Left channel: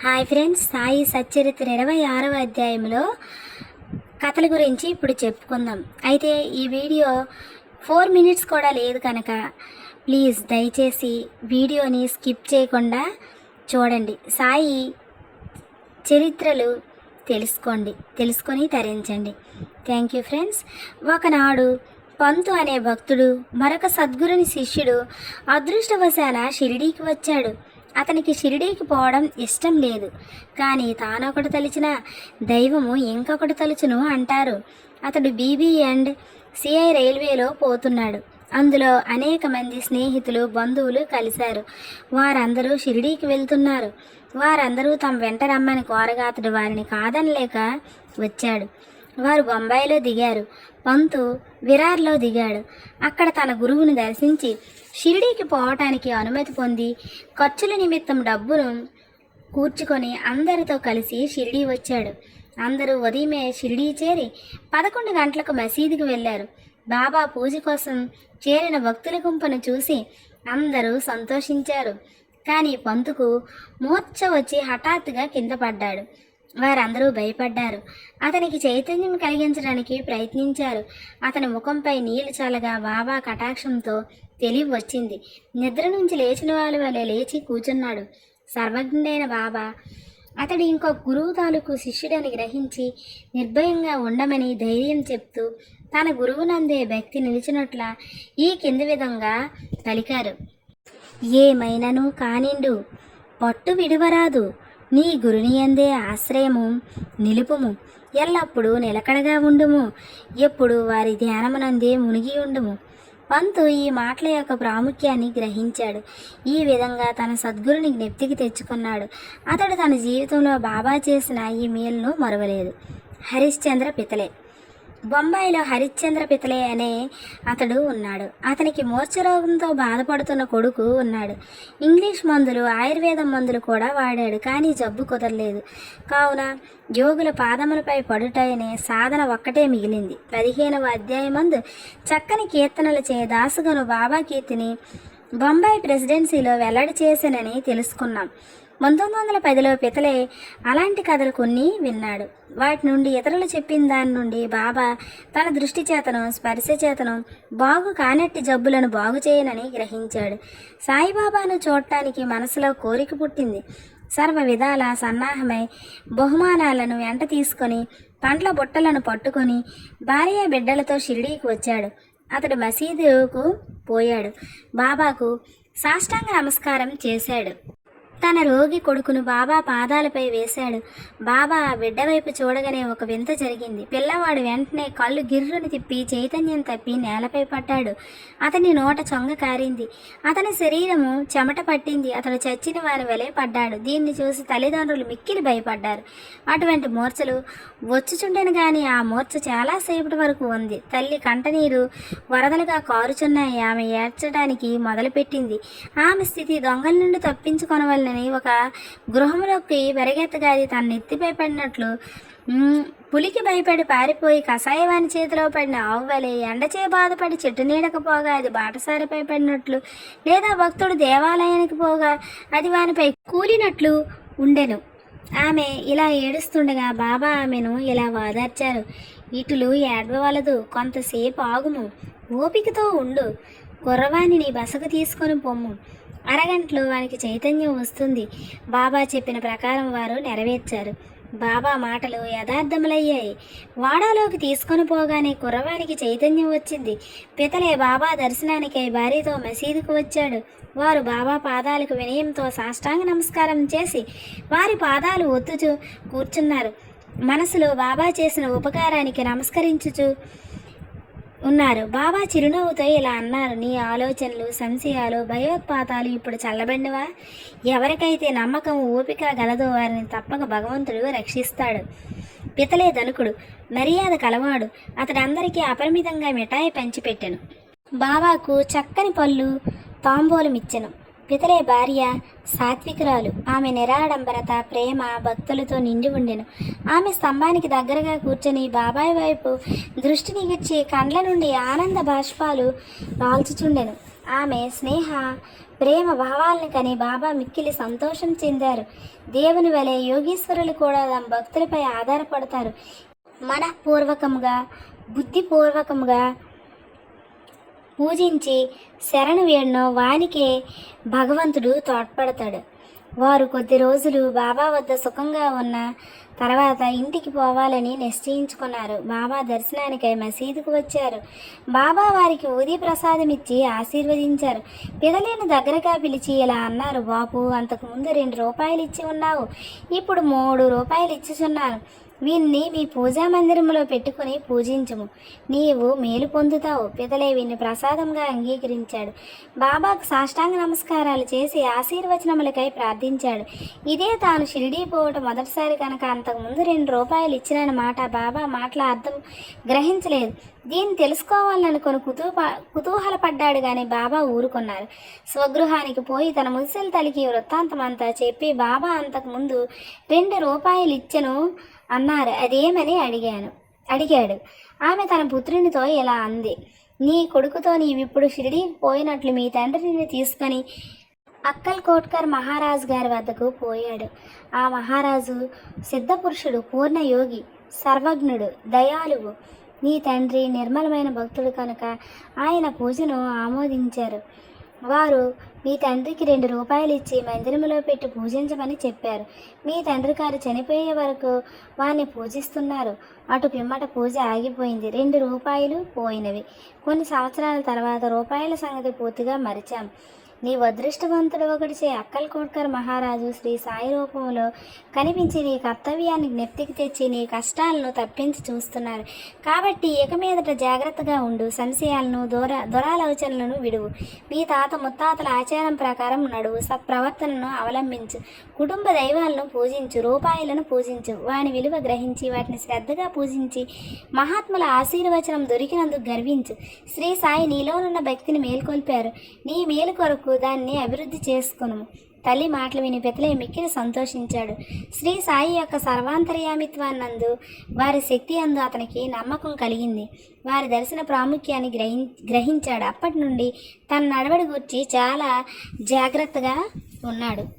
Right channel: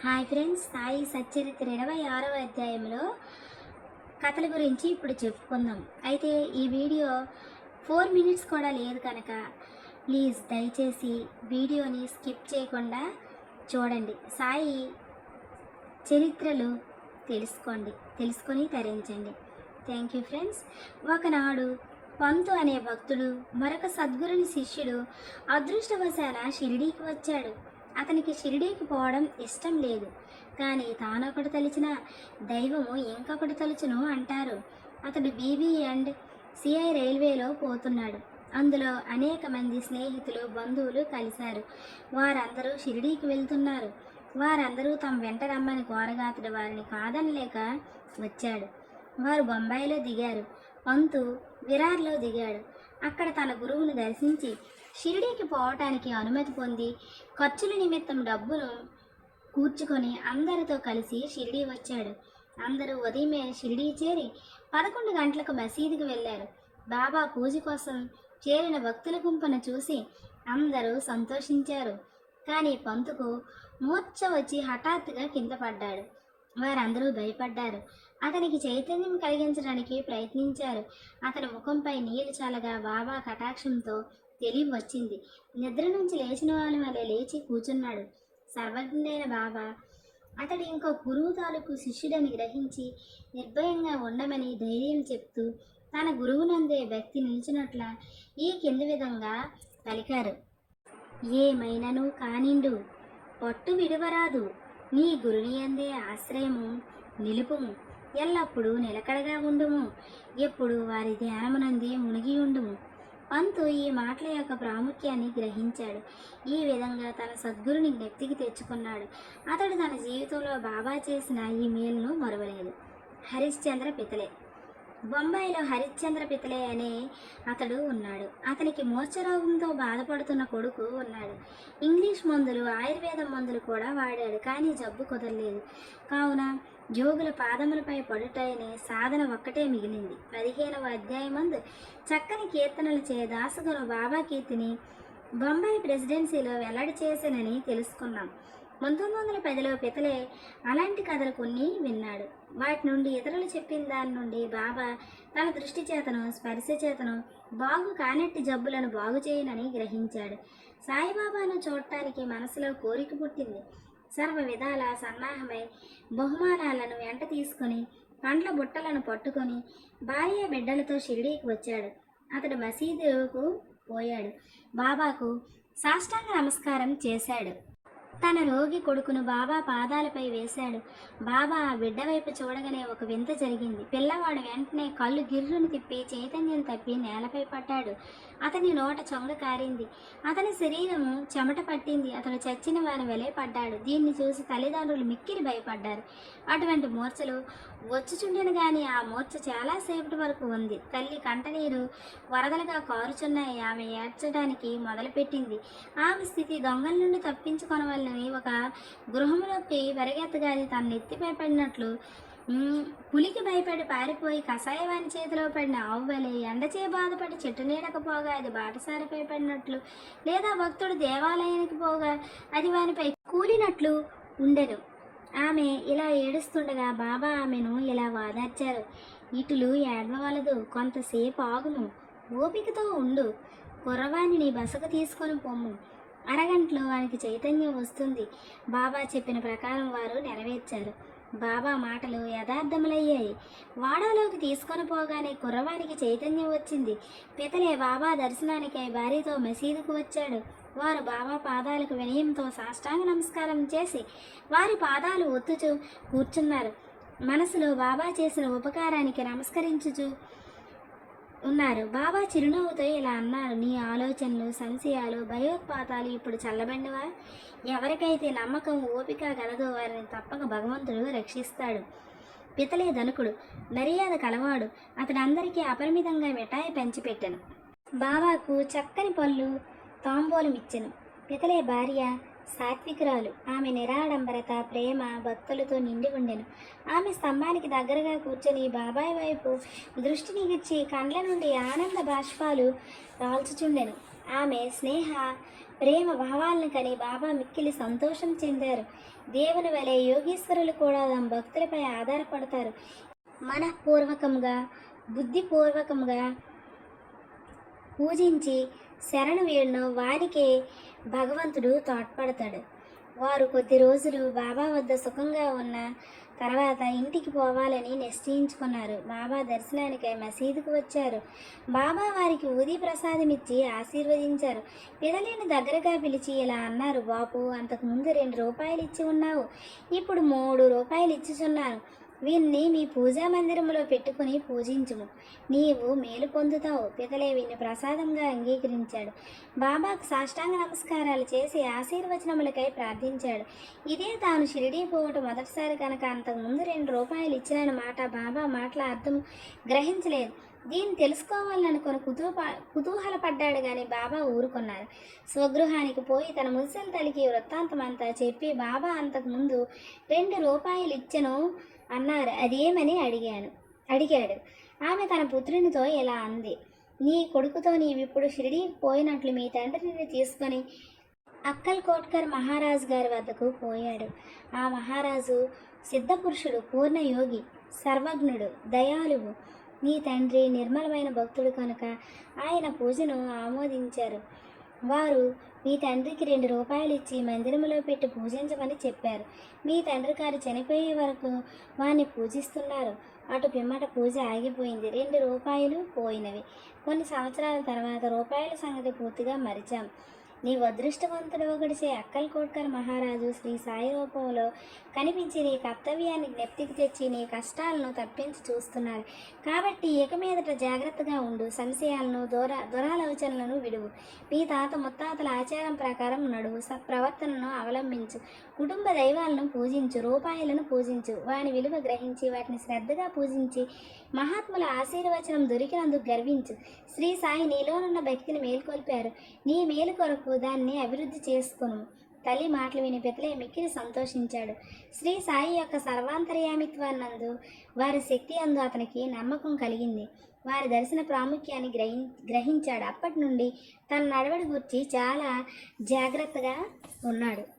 Hi friends Sai Satcharitra ఇరవై ఆరవ అధ్యాయంలో కథల గురించి ఇప్పుడు చెప్పుకుందాం. అయితే ఈ వీడియో ఫోర్ మినిట్స్ కూడా లేదు కనుక ప్లీజ్ దయచేసి వీడియోని స్కిప్ చేయకుండా చూడండి. సాయి చరిత్రలు తెలుసుకోండి తెలుసుకొని తరించండి. Thank you friends. ఒకనాడు పంతు అనే భక్తుడు మరొక సద్గురుని శిష్యుడు అదృష్టవశాల షిరిడీకి వచ్చాడు. అతనికి షిరిడీకి పోవడం ఇష్టం లేదు. కానీ తానొకటి తలిచిన దైవము ఇంకొకటి తలుచును అంటారు. అతడు బీబీ అండ్ సిఐ రైల్వేలో పోతున్నాడు. అందులో అనేక మంది స్నేహితులు బంధువులు కలిశారు. వారందరూ షిరిడీకి వెళ్తున్నారు. వారందరూ తమ వెంట రమ్మని కోరగా అతడు వారిని కాదనలేక వచ్చాడు. వారు బొంబాయిలో దిగారు. పంతు విరార్లో దిగాడు. అక్కడ తన గురువుని దర్శించి షిరిడీకి పోవటానికి అనుమతి పొంది ఖర్చుల నిమిత్తం డబ్బును కూర్చుకొని అందరితో కలిసి షిరిడీ వచ్చాడు. అందరూ ఉదయమే షిరిడీ చేరి పదకొండు గంటలకు మసీదుకు వెళ్ళారు. బాబా పూజ కోసం చేరిన భక్తుల గుంపును చూసి అందరూ సంతోషించారు. కానీ పంతుకు మూర్ఛ వచ్చి హఠాత్తుగా కింద పడ్డాడు. వారందరూ భయపడ్డారు. అతనికి చైతన్యం కలిగించడానికి ప్రయత్నించారు. అతని ముఖంపై నీళ్ళు చల్లగా బాబా కటాక్షంతో తెలివి వచ్చింది. నిద్ర నుంచి లేచిన వాళ్ళ వలె లేచి కూర్చున్నాడు సర్వజ్ఞుడైన బాబా అతడు ఇంకో గురువు తాలూకు శిష్యుడని గ్రహించి నిర్భయంగా ఉండమని ధైర్యం చెప్తూ తన గురువునందే వ్యక్తి నిలిచినట్ల ఈ కింది విధంగా పలికారు. ఏమైనను కానిండు పట్టు విడువరాదు. నీ గురుని అందే ఆశ్రయము నిలుపుము. ఎల్లప్పుడూ నిలకడగా ఉండుము. ఎప్పుడు వారి ధ్యానమునందే మునిగి ఉండుము. పంతు ఈ మాటల యొక్క ప్రాముఖ్యాన్ని గ్రహించాడు. ఈ విధంగా తన సద్గురుని జ్ఞప్తికి తెచ్చుకున్నాడు. అతడు తన జీవితంలో బాబా చేసిన ఈ మేలును మరవలేదు. హరిశ్చంద్ర పితలే. బొంబాయిలో హరిశ్చంద్ర పితలే అనే అతడు ఉన్నాడు. అతనికి మూర్ఛరోగంతో బాధపడుతున్న కొడుకు ఉన్నాడు. ఇంగ్లీష్ మందులు ఆయుర్వేదం మందులు కూడా వాడాడు కానీ జబ్బు కుదరలేదు. కావున యోగుల పాదములపై పడుటనే సాధన ఒక్కటే మిగిలింది. పదిహేనవ అధ్యాయమందు చక్కని కీర్తనలు చే దాసుగను బాబా కీర్తిని బొంబాయి ప్రెసిడెన్సీలో వెల్లడి చేశానని తెలుసుకున్నాం. పంతొమ్మిది వందల పదిలో పితలే అలాంటి కథలు కొన్ని విన్నాడు. వాటి నుండి ఇతరులు చెప్పిన దాని నుండి బాబా తన దృష్టి చేతను స్పర్శ చేతను బాగు కానట్టి జబ్బులను బాగు చేయనని గ్రహించాడు. సాయిబాబాను చూడటానికి మనసులో కోరిక పుట్టింది. సర్వ విధాల సన్నాహమై బహుమానాలను వెంట తీసుకొని పండ్ల బుట్టలను పట్టుకొని భార్య బిడ్డలతో షిరిడీకి వచ్చాడు. అతడు మసీదుకు పోయాడు. బాబాకు సాష్టాంగ నమస్కారం చేశాడు. తన రోగి కొడుకును బాబా పాదాలపై వేశాడు. బాబా ఆ బిడ్డ వైపు చూడగానే ఒక వింత జరిగింది. పిల్లవాడు వెంటనే కళ్ళు గిర్రును తిప్పి చైతన్యం తప్పి నేలపై పడ్డాడు. అతని నోట చొంగ కారింది. అతని శరీరము చెమట పట్టింది. అతడు చచ్చిన వారి వలె పడ్డాడు. దీన్ని చూసి తల్లిదండ్రులు మిక్కిలి భయపడ్డారు. అటువంటి మూర్ఛలు వచ్చుచుండెను కానీ ఆ మూర్ఛ చాలాసేపటి వరకు ఉంది. తల్లి కంటనీరు వరదలుగా కారుచున్నాయి ఆమె ఏడ్చడానికి మొదలుపెట్టింది. ఆమె స్థితి దొంగల నుండి తప్పించుకొనవల్ల తప్పించుకొనవలనని ఒక గృహంలోకి వెరగెత్తగా అది తన నెత్తిపై పడినట్లు పులికి భయపడి పారిపోయి కషాయవాని చేతిలో పడిన ఆవువలి ఎండచే బాధపడి చెట్టు నీడకు పోగా అది బాటసారిపై పడినట్లు లేదా భక్తుడు దేవాలయానికి పోగా అది వానిపై కూలినట్లు ఉండెను. ఆమె ఇలా ఏడుస్తుండగా బాబా ఆమెను ఇలా వాదార్చారు. ఇటులు ఏడవలదు కొంతసేపు ఆగుము ఓపికతో ఉండు కుర్రవాణిని బసకు తీసుకొని పొమ్ము. అరగంటలో వారికి చైతన్యం వస్తుంది. బాబా చెప్పిన ప్రకారం వారు నెరవేర్చారు. బాబా మాటలు యథార్థములయ్యాయి. వాడాలోకి తీసుకొని పోగానే కుర్రవానికి చైతన్యం వచ్చింది. పితలే బాబా దర్శనానికై భార్యతో మసీదుకు వచ్చాడు. వారు బాబా పాదాలకు వినయంతో సాష్టాంగ నమస్కారం చేసి వారి పాదాలు ఒత్తుచు కూర్చున్నారు. మనసులో బాబా చేసిన ఉపకారానికి నమస్కరించుచు ఉన్నారు. బాబా చిరునవ్వుతో ఇలా అన్నారు. నీ ఆలోచనలు సంశయాలు భయోత్పాతాలు ఇప్పుడు చల్లబడినవా? ఎవరికైతే నమ్మకం ఓపిక గలదో వారిని తప్పక భగవంతుడు రక్షిస్తాడు. పితలే ధనుకుడు మర్యాద కలవాడు. అతడందరికీ అపరిమితంగా మిఠాయి పంచిపెట్టెను. బాబాకు చక్కని పళ్ళు తాంబూలం పితరే భార్య సాత్వికురాలు. ఆమె నిరాడంబరత ప్రేమ భక్తులతో నిండి ఉండెను. ఆమె స్తంభానికి దగ్గరగా కూర్చొని బాబాయ్ వైపు దృష్టి నిగిర్చి కండ్ల నుండి ఆనంద బాష్పాలు రాల్చుచుండెను. ఆమె స్నేహ ప్రేమ భావాలను కని బాబా మిక్కిలి సంతోషం చెందారు. దేవుని వలె యోగీశ్వరులు కూడా తమ భక్తులపై ఆధారపడతారు. మనఃపూర్వకముగా బుద్ధిపూర్వకముగా పూజించి శరణు వేడినో వానికే భగవంతుడు తోడ్పడతాడు. వారు కొద్ది రోజులు బాబా వద్ద సుఖంగా ఉన్న తర్వాత ఇంటికి పోవాలని నిశ్చయించుకున్నారు. బాబా దర్శనానికై మసీదుకు వచ్చారు. బాబా వారికి ఉదయ ప్రసాదం ఇచ్చి ఆశీర్వదించారు. పిదలేని దగ్గరగా పిలిచి ఇలా అన్నారు బాపు అంతకుముందు రెండు రూపాయలు ఇచ్చి ఉన్నావు. ఇప్పుడు మూడు రూపాయలు ఇచ్చుచున్నాను వీన్ని మీ పూజా మందిరంలో పెట్టుకుని పూజించుము. నీవు మేలు పొందుతావు. పితలే వీన్ని ప్రసాదంగా అంగీకరించాడు. బాబాకు సాష్టాంగ నమస్కారాలు చేసి ఆశీర్వచనములకై ప్రార్థించాడు. ఇదే తాను షిరిడీ పోవటం మొదటిసారి కనుక అంతకుముందు రెండు రూపాయలు ఇచ్చినని మాట బాబా మాటల అర్థం గ్రహించలేదు. దీన్ని తెలుసుకోవాలనుకుని కుతూహ కుతూహలపడ్డాడు కానీ బాబా ఊరుకున్నారు. స్వగృహానికి పోయి తన మున్సిల్ తలికి వృత్తాంతం అంతా చెప్పి బాబా అంతకుముందు రెండు రూపాయలు ఇచ్చను అన్నారు. అదేమని అడిగాను. అడిగాడు. ఆమె తన పుత్రునితో ఇలా అంది. నీ కొడుకుతో నీవిప్పుడు షిరిడి పోయినట్లు మీ తండ్రిని తీసుకొని అక్కల్ కోట్కర్ మహారాజు గారి వద్దకు పోయాడు. ఆ మహారాజు సిద్ధపురుషుడు పూర్ణయోగి సర్వజ్ఞుడు దయాళువు. నీ తండ్రి నిర్మలమైన భక్తుడు కనుక ఆయన పూజను ఆమోదించారు. వారు మీ తండ్రికి రెండు రూపాయలు ఇచ్చి మందిరములో పెట్టి పూజించమని చెప్పారు. మీ తండ్రి గారు చనిపోయే వరకు వారిని పూజిస్తున్నారు. అటు పిమ్మట పూజ ఆగిపోయింది. రెండు రూపాయలు పోయినవి. కొన్ని సంవత్సరాల తర్వాత రూపాయల సంగతి పూర్తిగా మరిచాం. నీ అదృష్టవంతుడు ఒకటిచే అక్కల్ కోట్కర్ మహారాజు శ్రీ సాయి రూపంలో కనిపించి నీ కర్తవ్యాన్ని జ్ఞప్తికి తెచ్చి నీ కష్టాలను తప్పించి చూస్తున్నారు. కాబట్టి ఇక మీదట జాగ్రత్తగా ఉండు సంశయాలను దూర దురాలోచనలను విడువు. మీ తాత ముత్తాతల ఆచారం ప్రకారం నడువు సత్ప్రవర్తనను అవలంబించు. కుటుంబ దైవాలను పూజించు రూపాయలను పూజించు. వాని విలువ గ్రహించి వాటిని శ్రద్ధగా పూజించి మహాత్ముల ఆశీర్వచనం దొరికినందుకు గర్వించు. శ్రీ సాయి నీలోనున్న భక్తిని మేల్కొల్పారు. నీ మేలు కొరకు దాన్ని అభివృద్ధి చేసుకును తల్లి మాటలు విని పెతలే మిక్కిలి సంతోషించాడు. శ్రీ సాయి యొక్క సర్వాంతర్యామిత్వాన్నందు వారి శక్తి అందు అతనికి నమ్మకం కలిగింది. వారి దర్శన ప్రాముఖ్యాన్ని గ్రహి గ్రహించాడు. అప్పటి నుండి తన నడవడి గురించి చాలా జాగ్రత్తగా ఉన్నాడు.